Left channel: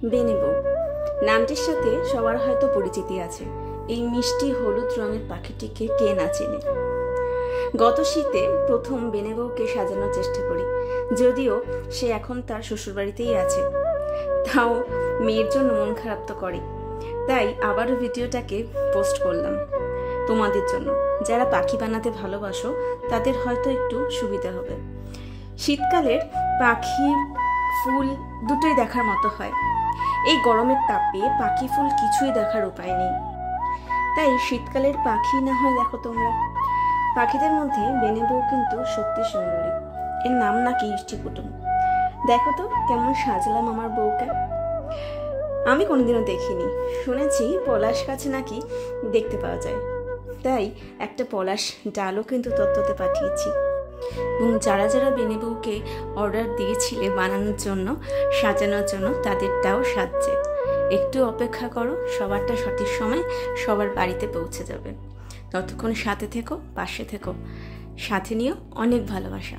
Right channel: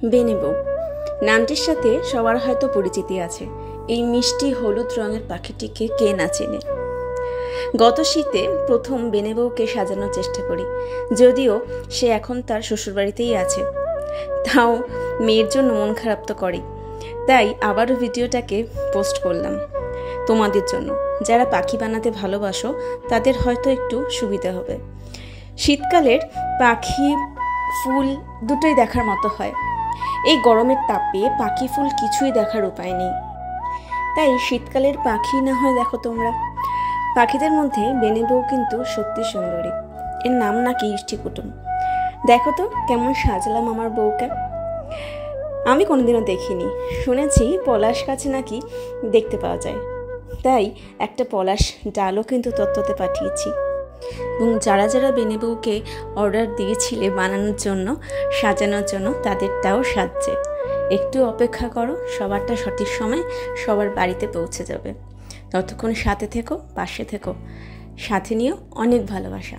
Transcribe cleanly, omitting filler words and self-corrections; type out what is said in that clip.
বেনে বউ নামটির সাথে সবার হয়তো পরিচিতি আছে। এই মিষ্টি হলুদ রঙের পাখিটিকে কে না চেনে। গত শীতে প্রথম বেনে বউকে সাজানোর চেষ্টা করি, যদিও সে এখন তার শ্বশুরবাড়িতেই আছে। তাও মেয়ের জন্য মন খারাপ তো করে, তাই আবারও ভিডিওটাকে পোস্ট করলাম তোমাদের জন্য। যারা পাখি বানাতে ভালোবাসো তাদের হয়তো একটু সুবিধা হবে। শীতকালের পাখি ফুল দুটোই দেখার মতো হয়। এই গরমের তাপে পাখি ফুল কিছুই দেখার উপায় নেই, তাই শীতকালের পাখি না হয় দেখো তোমরা। পাখিদের মধ্যে বেনে বউ কিন্তু সত্যি সুন্দরী। এর নাম নাকি ইষ্টিকুটুম। দেখো তো কেমন সাজলাম আমার বউকে। আমি কোনোদিনও দেখিনি, শুনেছি পলাশ গাছ নাকি দেখতে পাওয়া যায়, তাই একটা পলাশ ডালও কিন্তু তত্ত্বতে পাঠিয়েছি। এবং যারা যারা বেনে বউকে অর্ডার দিয়েছিলে বানানোর জন্য, সাজানোর জন্য, তাদেরটাও সাজছে। একটু অপেক্ষা করো, সবারটা সঠিক সময় সবার বাড়িতে পৌঁছে যাবে। ততক্ষণ সাথে থেকো, পাশে থেকো, সাথে নিও অনেক ভালোবাসা।